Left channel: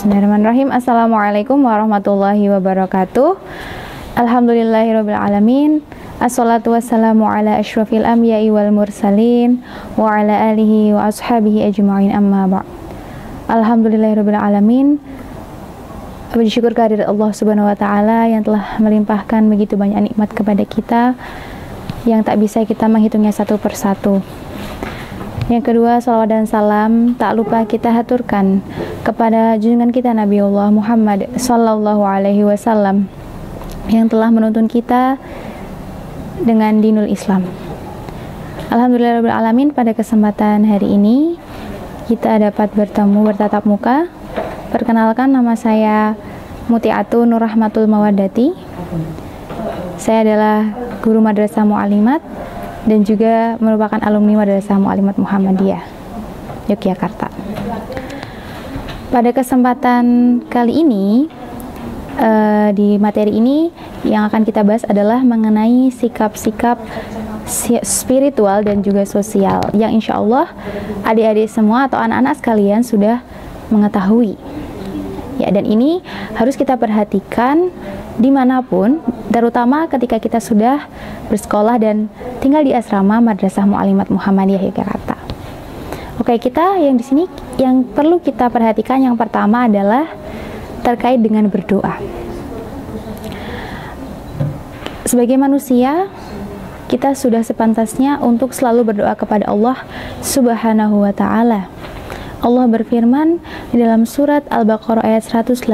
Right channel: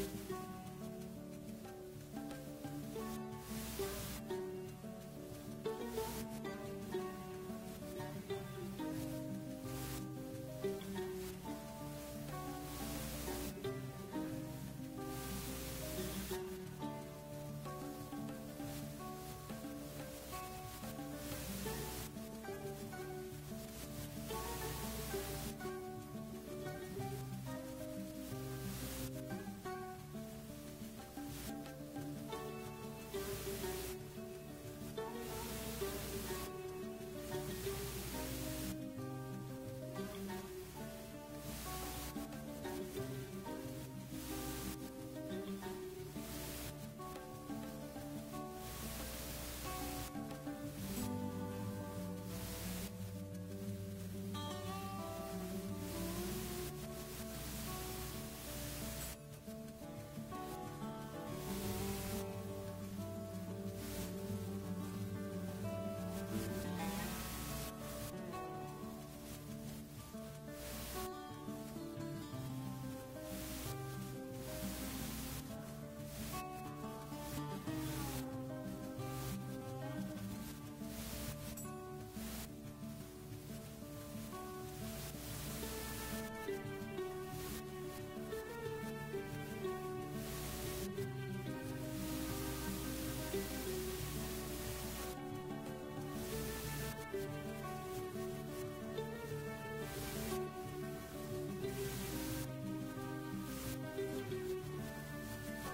Bismillahirrahmanirrahim. Assalamualaikum warahmatullahi wabarakatuh. Alhamdulillahirabbil alamin. Assalatu wassalamu ala asyrafil anbiya'i wal mursalin wa ala alihi wa ashabihi ajma'in, amma ba'd. Alhamdulillahirabbil alamin. Puji syukur kehadirat Allah Subhanahu wa taala yang telah melimpahkan begitu banyak nikmat kepada kita yang tak bisa kita menghitungnya satu persatu. Yang kedua, salawat dan salam tak lupa kita haturkan kepada junjungan kita Nabi Allah Muhammad sallallahu alaihi wasallam yang telah menuntun kita dengan dinul Islam. Alhamdulillahirabbil alamin, pada kesempatan hari ini kita dapat bertemu bertatap muka. Perkenalkan, nama saya Mutiatu Nur Rahmatul Mawaddati. Saya adalah guru Madrasah Mu'alimat dan juga merupakan alumni Madrasah Mu'alimat Muhammadiyah Yogyakarta. Pada kesempatan kali ini, di materi ini yang akan kita bahas adalah mengenai sikap-sikap spiritual dan juga sosial yang insya Allah adik-adik semua atau anak-anak sekalian sudah mengetahui. Ya, dan ini harus kita perhatikan dimanapun, terutama ketika kita sudah bersekolah dan tinggal di asrama Madrasah Mu'alimat Muhammadiyah Yogyakarta. Oke, kita yang di sini yang perlu kita perhatikan yang pertama adalah terkait dengan berdoa. Sebagai manusia, kita sudah sepantasnya untuk selalu berdoa kepada Allah Subhanahu wa taala. Allah berfirman di dalam surat Al-Baqarah ayat 186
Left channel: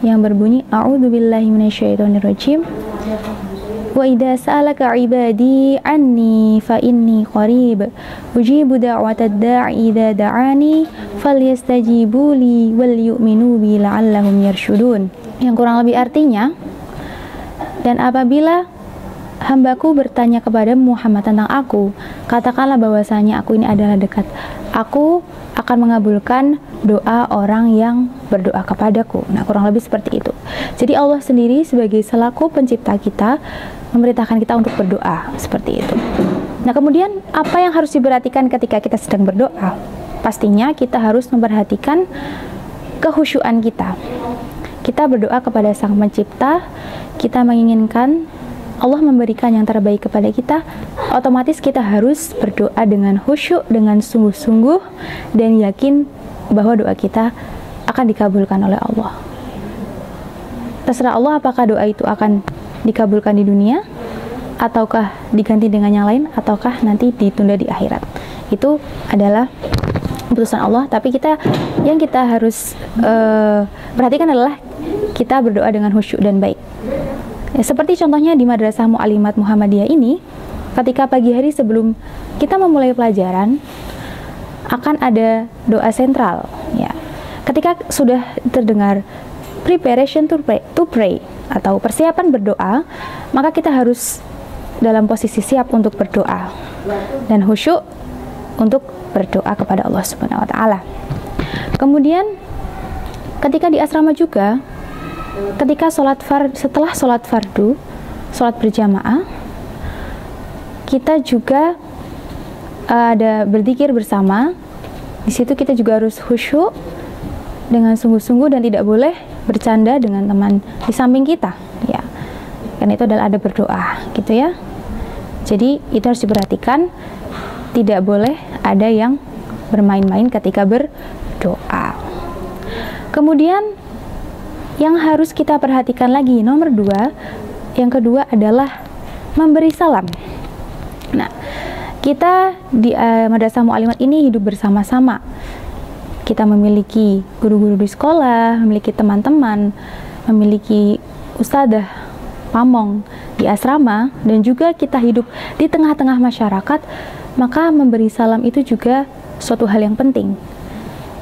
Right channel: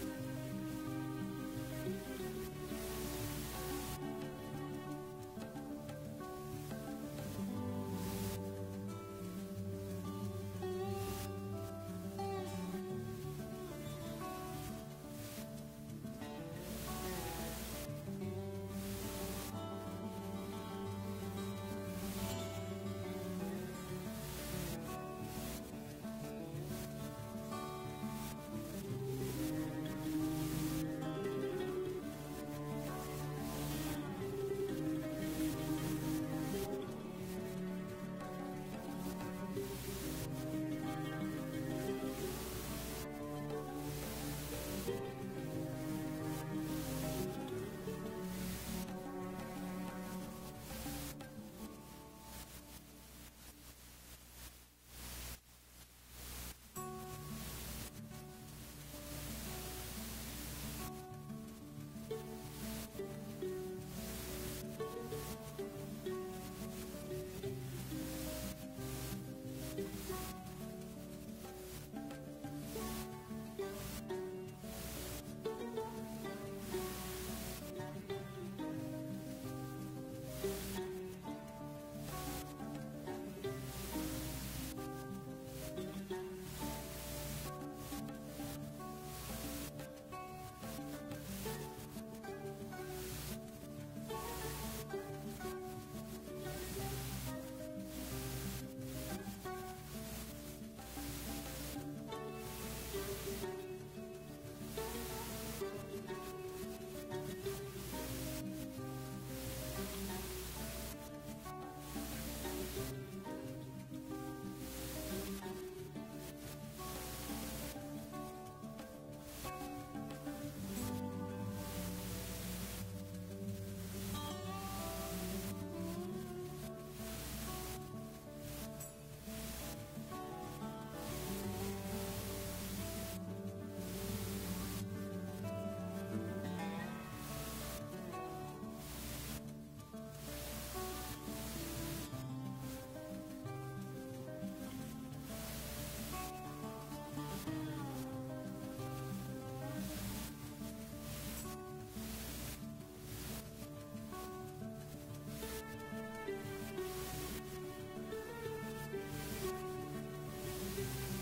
yang berbunyi, A'udzubillahi minasyaitonirrajim. Wa idza sa'alaka 'ibadi 'anni fa inni qarib ujibu da'watad da'i idza da'ani falyastajibu li wal yu'minu bi la'allahum yarshudun. Yang kurang lebih artinya, dan apabila hambaku bertanya kepada Muhammad tentang aku, katakanlah bahwasanya aku ini adalah dekat. Aku akan mengabulkan doa orang yang berdoa kepadaku. Nah, kurang lebih seperti itu. Jadi Allah sendiri sebagai selaku pencipta kita memerintahkan kita untuk berdoa seperti itu. Nah, kemudian apa yang harus diperhatikan ketika kita sedang berdoa? Pastinya kita harus memperhatikan kehusyuan kita. Kita berdoa kepada Sang Pencipta, kita menginginkan Allah memberikan yang terbaik kepada kita, otomatis kita harus berdoa dengan khusyuk, dengan sungguh-sungguh, dan yakin bahwa doa kita akan dikabulkan oleh Allah. Terserah Allah apakah doa itu akan dikabulkan di dunia, ataukah diganti dengan yang lain, ataukah nanti ditunda di akhirat. Itu adalah keputusan Allah, tapi yang kita harus perhatikan adalah kita berdoa dengan khusyuk dan baik. Ya, seperti contohnya di Madrasah Mu'alimat Muhammadiyah ini, ketika pagi hari sebelum kita memulai pelajaran akan ada doa sentral. Ya, ketika sudah terdengar preparation to pray atau persiapan berdoa, maka kita harus dalam posisi siap untuk berdoa dan khusyuk untuk berdoa kepada Allah Subhanahu wa taala. Kemudian ketika di asrama juga, ketika setelah sholat fardu, sholat berjamaah, kita juga ada berzikir bersama. Di situ kita juga harus khusyuk dengan sungguh-sungguh dan tidak boleh bercanda dengan teman di samping kita, ya. Karena itu adalah ada berdoa, gitu ya. Jadi itu harus diperhatikan, tidak boleh ada yang bermain-main ketika berdoa. Kemudian yang harus kita perhatikan lagi, nomor 2, yang kedua adalah memberi salam. Nah, kita di Madrasah Mu'alimat ini hidup bersama-sama. Kita memiliki guru-guru di sekolah, memiliki teman-teman, memiliki ustadzah, pamong di asrama, dan juga kita hidup di tengah-tengah masyarakat, maka memberi salam itu juga suatu hal yang penting.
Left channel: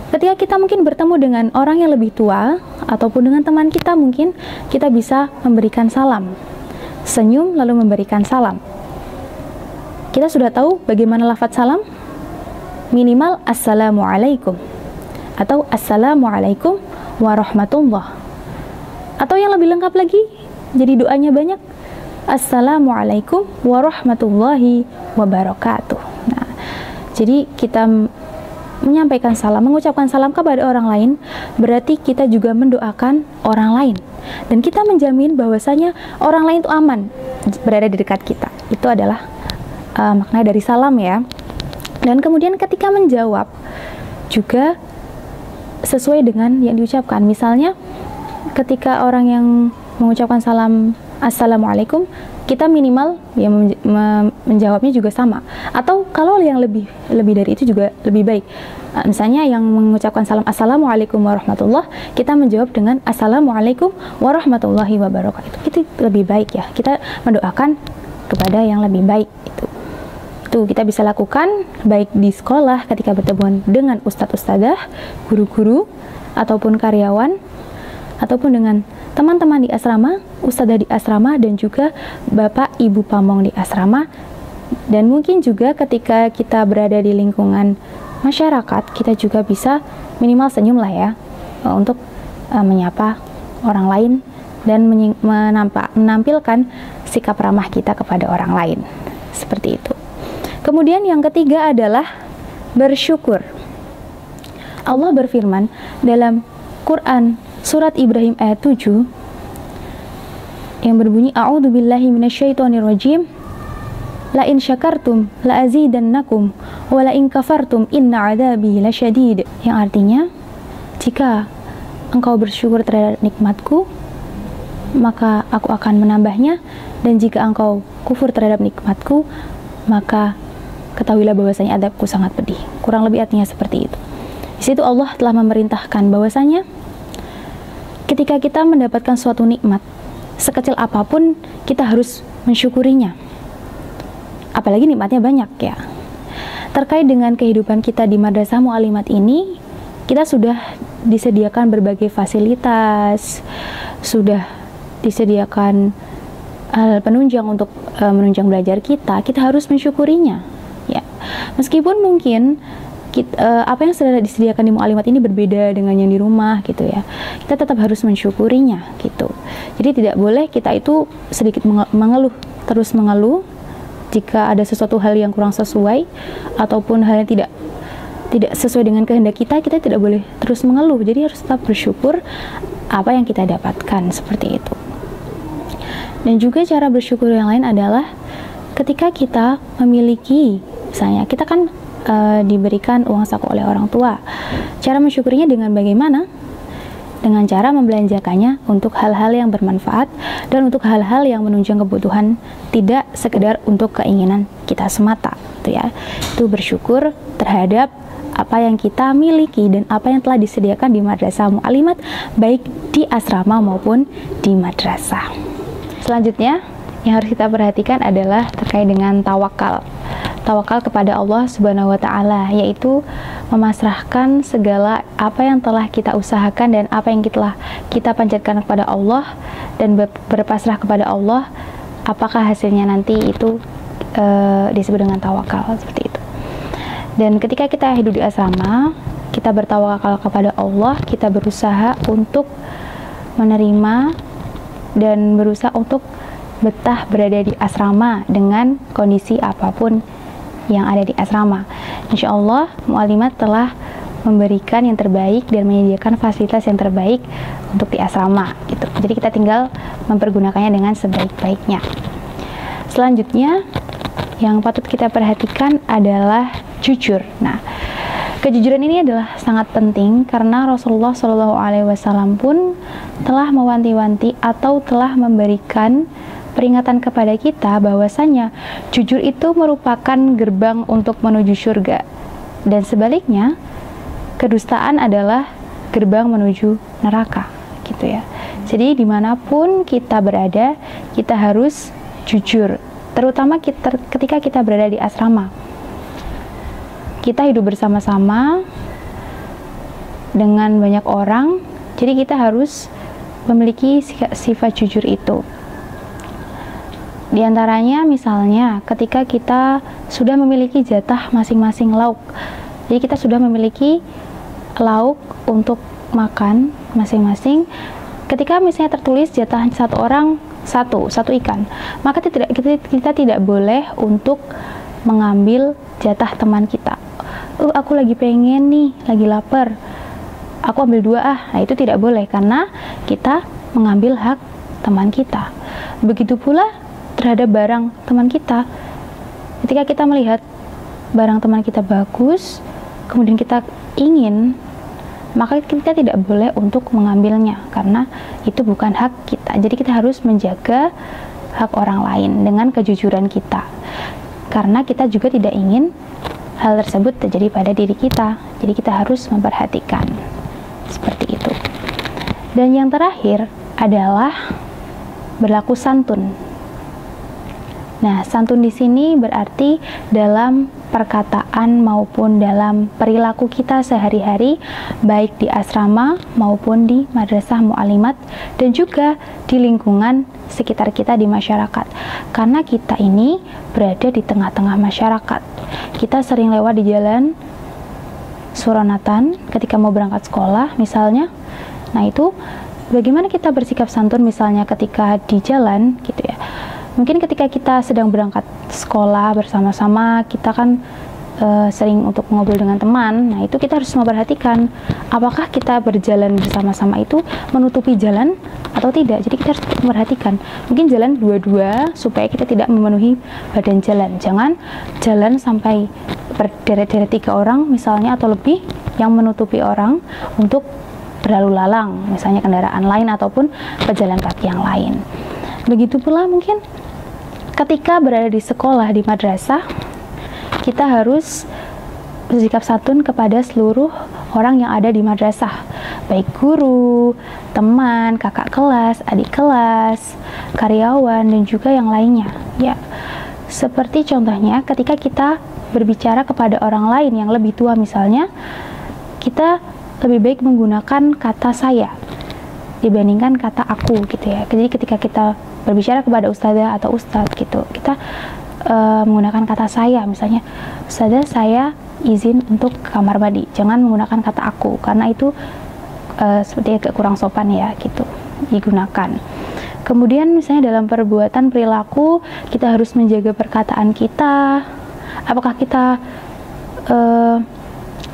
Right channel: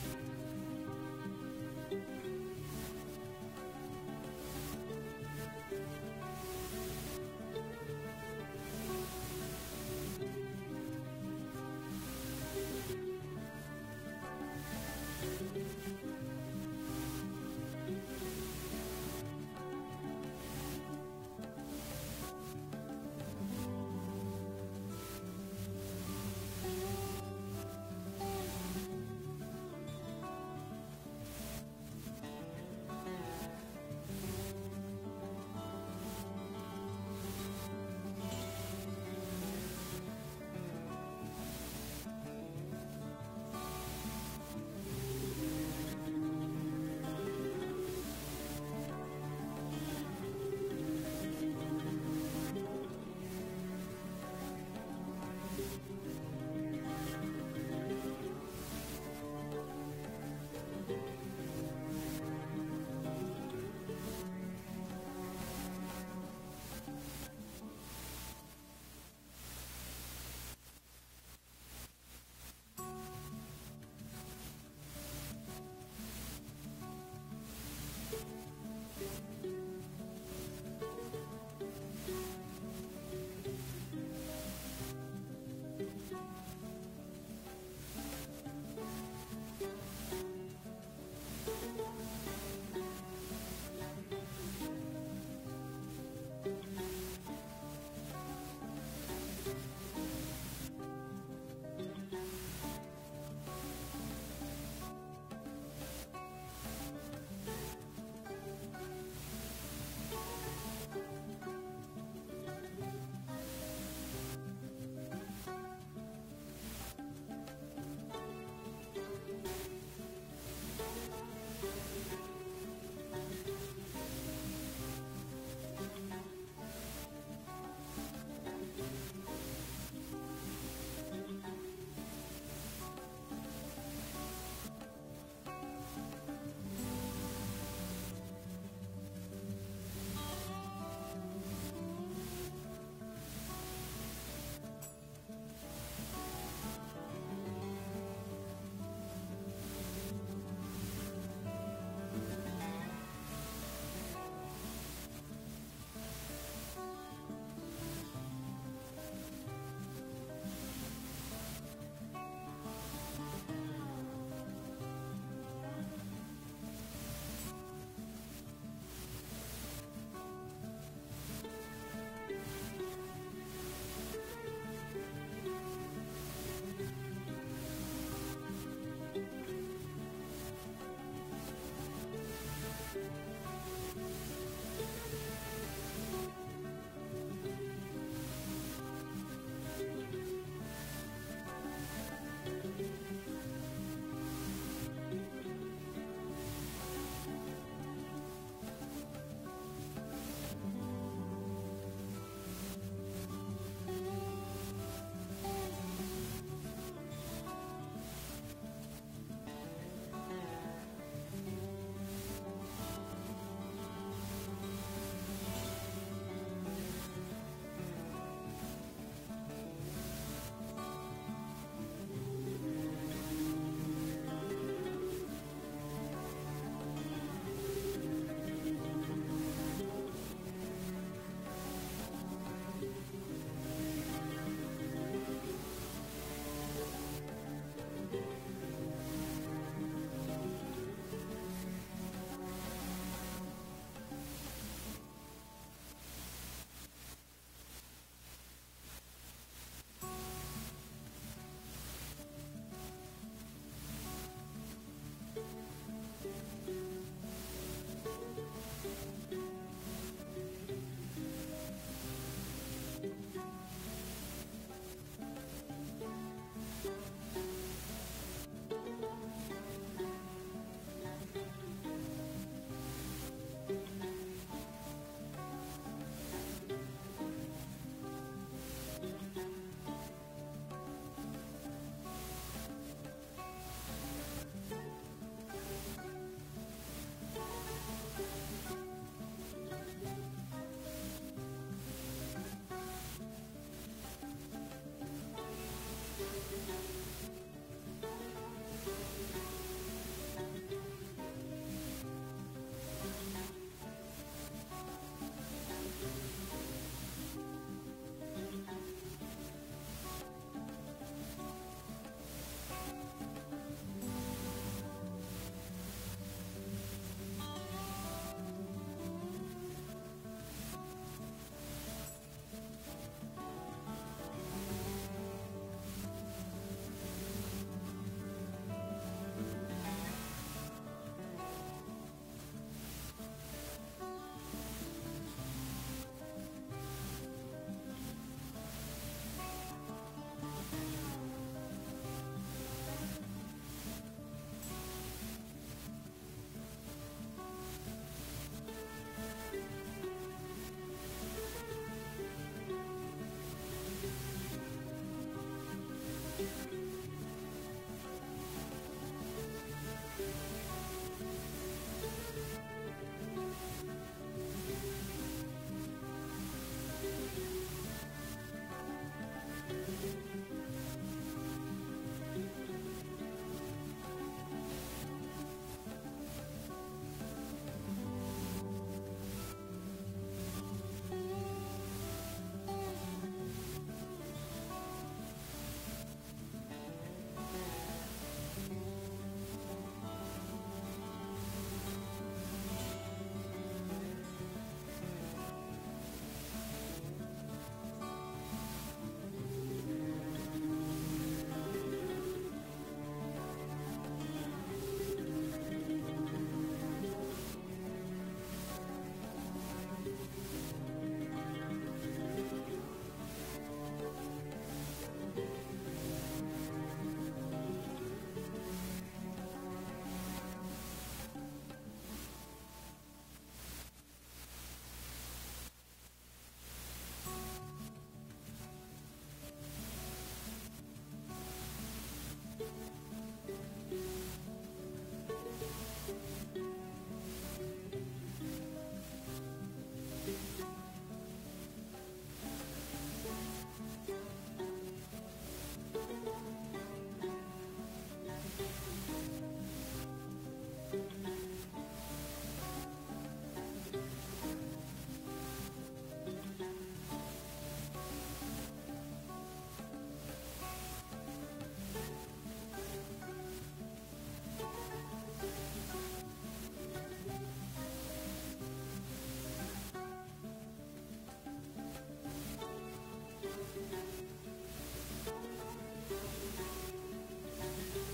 Ketika kita mungkin bertemu dengan orang yang lebih tua ataupun dengan teman kita, mungkin kita bisa memberikan salam, senyum lalu memberikan salam. Kita sudah tahu bagaimana lafaz salam? Minimal assalamualaikum atau assalamualaikum warahmatullah. Atau yang lebih lengkap lagi, jadi doanya banyak, assalamualaikum warahmatullahi wabarakatuh. Nah, jadi kita menyampaikan salam, mengucapkan salam kepada orang lain, berarti kita juga mendoakan orang lain. Dan kita menjamin bahwasanya orang lain itu aman berada di dekat kita. Itu adalah makna dari salam ya. Dan kemudian ketika menjawab juga sesuai dengan yang diucapkan. Misalnya ketika orang yang mengucapkan salam Assalamualaikum, kita minimal ya menjawabnya juga sama. Atau kalau yang lebih dari itu juga lebih baik. Misalnya yang mengucapkan salam Assalamualaikum warahmatullah, kita menjawab dengan Assalamualaikum warahmatullahi wabarakatuh. Itu lebih baik ya. Kita mendoakan kepada yang lebih baik itu. Itu kita bisa lakukan baik di sekolah ketika bertemu dengan ustadz ustadzah, guru-guru ataupun karyawan, ataupun dengan teman-teman di asrama, ustadzah di asrama, dan juga bapak ibu pamong di asrama. Dan mungkin juga ketika kita berada di lingkungan masyarakat, kita juga bisa minimal senyum lah ya, untuk menyapa orang lain dan menampilkan sikap ramah kita kepada orang lain. Seperti itu. Kemudian yang ketiga adalah bersyukur. Allah berfirman dalam Quran Surat Ibrahim ayat 7 yang berbunyi A'udzubillahi minasyaitonirrajim La in syakartum la azidannakum wa la in kafartum inna 'adzabi lasyadid, yang artinya jika engkau bersyukur terhadap nikmatku maka aku akan menambahnya, dan jika engkau kufur terhadap nikmatku maka ketahuilah bahwasanya adabku sangat pedih. Kurang lebih artinya seperti itu. Di situ Allah telah memerintahkan bahwasanya ketika kita mendapatkan suatu nikmat, sekecil apapun, kita harus mensyukurinya. Apalagi nikmatnya banyak ya. Terkait dengan kehidupan kita di Madrasah Mu'allimat ini, kita sudah disediakan berbagai fasilitas, sudah disediakan penunjang untuk menunjang belajar kita harus mensyukurinya. Ya. Meskipun mungkin apa yang sudah disediakan di Mu'allimat ini berbeda dengan yang di rumah gitu ya, kita tetap harus mensyukurinya gitu. Jadi tidak boleh kita itu sedikit mengeluh, terus mengeluh jika ada sesuatu hal yang kurang sesuai ataupun hal yang tidak sesuai dengan kehendak kita tidak boleh terus mengeluh. Jadi harus tetap bersyukur apa yang kita dapatkan, seperti itu. Dan juga cara bersyukur yang lain adalah ketika kita memiliki, misalnya kita kan diberikan uang saku oleh orang tua. Cara mensyukurinya dengan bagaimana? Dengan cara membelanjakannya untuk hal-hal yang bermanfaat dan untuk hal-hal yang menunjang kebutuhan, tidak sekedar untuk keinginan kita semata, gitu ya. Itu bersyukur terhadap apa yang kita miliki dan apa yang telah disediakan di Madrasah Mu'allimat, baik di asrama maupun di madrasah. Selanjutnya yang harus kita perhatikan adalah terkait dengan tawakal. Tawakal kepada Allah Subhanahu wa Ta'ala, yaitu memasrahkan segala apa yang telah kita usahakan dan apa yang telah kita panjatkan kepada Allah, dan berpasrah kepada Allah apakah hasilnya nanti itu disebut dengan tawakal, seperti itu. Dan ketika kita hidup di asrama, kita bertawakal kepada Allah, kita berusaha untuk menerima dan berusaha untuk betah berada di asrama dengan kondisi apapun yang ada di asrama. Insya Allah Mu'allimat telah memberikan yang terbaik dan menyediakan fasilitas yang terbaik untuk di asrama gitu. Jadi kita tinggal mempergunakannya dengan sebaik-baiknya. Selanjutnya yang patut kita perhatikan adalah jujur. Nah, kejujuran ini adalah sangat penting karena Rasulullah SAW pun telah mewanti-wanti atau telah memberikan peringatan kepada kita bahwasanya jujur itu merupakan gerbang untuk menuju surga, dan sebaliknya kedustaan adalah gerbang menuju neraka, gitu ya. Jadi dimanapun kita berada, kita harus jujur, terutama ketika kita berada di asrama. Kita hidup bersama-sama dengan banyak orang, jadi kita harus memiliki sifat jujur itu. Di antaranya misalnya ketika kita sudah memiliki jatah masing-masing lauk. Jadi kita sudah memiliki lauk untuk makan masing-masing. Ketika misalnya tertulis jatah satu orang satu ikan, maka kita tidak boleh untuk mengambil jatah teman kita. Aku lagi pengen nih, lagi lapar, aku ambil 2 ah. Nah, itu tidak boleh karena kita mengambil hak teman kita. Begitu pula terhadap barang teman kita. Ketika kita melihat barang teman kita bagus, kemudian kita ingin, maka kita tidak boleh untuk mengambilnya karena itu bukan hak kita. Jadi kita harus menjaga hak orang lain dengan kejujuran kita, karena kita juga tidak ingin hal tersebut terjadi pada diri kita. Jadi kita harus memperhatikan seperti itu. Dan yang terakhir adalah berlaku santun. Nah, santun di sini berarti dalam perkataan maupun dalam perilaku kita sehari-hari, baik di asrama maupun di madrasah mu'alimat, dan juga di lingkungan sekitar kita di masyarakat. Karena kita ini berada di tengah-tengah masyarakat. Kita sering lewat di jalan Suronatan ketika mau berangkat sekolah misalnya. Nah, itu bagaimana kita bersikap santun misalnya ketika di jalan gitu ya. Mungkin ketika kita sedang berangkat sekolah bersama-sama, kita kan sering untuk ngobrol dengan teman. Nah, itu kita harus memperhatikan apakah kita berjalan bersama-sama itu menutupi jalan atau tidak. Jadi kita harus memperhatikan. Mungkin jalan dua-dua supaya kita tidak memenuhi badan jalan. Jangan jalan sampai berderet-deret 3 orang misalnya atau lebih yang menutupi orang untuk berlalu lalang, misalnya kendaraan lain ataupun pejalan kaki yang lain. Begitu pula mungkin ketika berada di sekolah, di madrasah, kita harus bersikap santun kepada seluruh orang yang ada di madrasah, baik guru, teman, kakak kelas, adik kelas, karyawan, dan juga yang lainnya. Ya, seperti contohnya ketika kita berbicara kepada orang lain yang lebih tua misalnya, kita lebih baik menggunakan kata saya dibandingkan kata aku gitu ya. Jadi ketika kita berbicara kepada ustazah atau ustadz gitu, kita menggunakan kata saya, misalnya ustazah saya izin untuk ke kamar mandi, jangan menggunakan kata aku karena itu seperti agak kurang sopan ya gitu digunakan. Kemudian misalnya dalam perbuatan perilaku kita harus menjaga perkataan kita. Apakah kita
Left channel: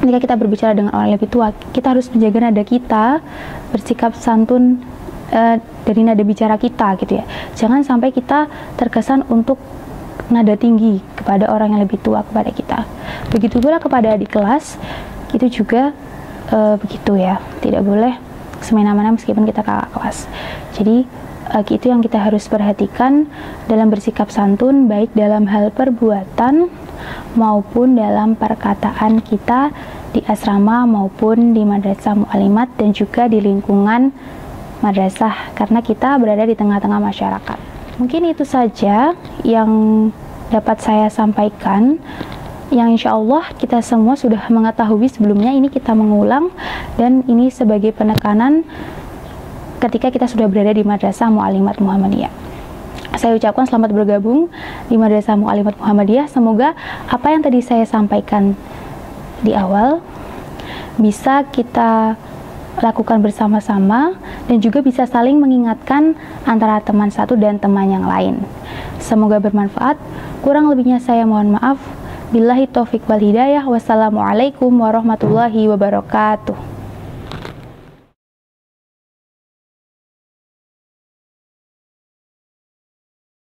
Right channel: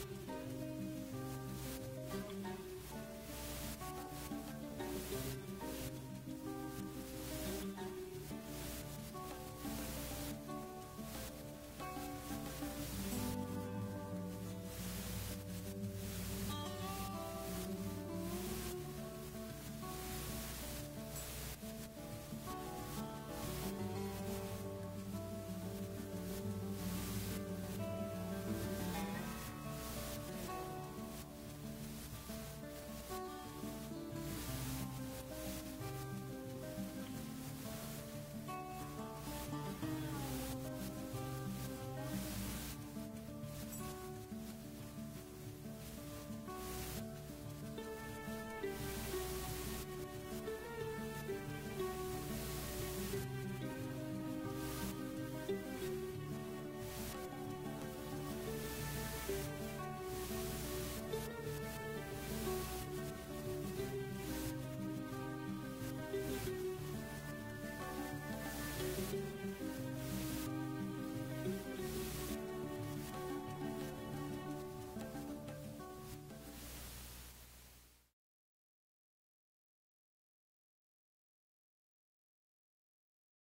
ketika kita berbicara dengan orang lebih tua, kita harus menjaga nada kita, bersikap santun dari nada bicara kita gitu ya. Jangan sampai kita terkesan untuk nada tinggi kepada orang yang lebih tua kepada kita. Begitu pula kepada adik kelas, itu juga begitu ya. Tidak boleh semena-mena meskipun kita kakak kelas. Jadi itu yang kita harus perhatikan dalam bersikap santun, baik dalam hal perbuatan maupun dalam perkataan kita di asrama maupun di madrasah mu'alimat dan juga di lingkungan madrasah, karena kita berada di tengah-tengah masyarakat. Mungkin itu saja yang dapat saya sampaikan, yang insya Allah kita semua sudah mengetahui sebelumnya. Ini kita mengulang dan ini sebagai penekanan ketika kita sudah berada di madrasah mu'alimat Muhammadiyah. Saya ucapkan selamat bergabung di madrasah mu'alimat Muhammadiyah. Semoga apa yang tadi saya sampaikan di awal bisa kita lakukan bersama-sama dan juga bisa saling mengingatkan antara teman satu dan teman yang lain. Semoga bermanfaat. Kurang lebihnya saya mohon maaf. Billahi taufik wal hidayah. Wassalamualaikum warahmatullahi wabarakatuh.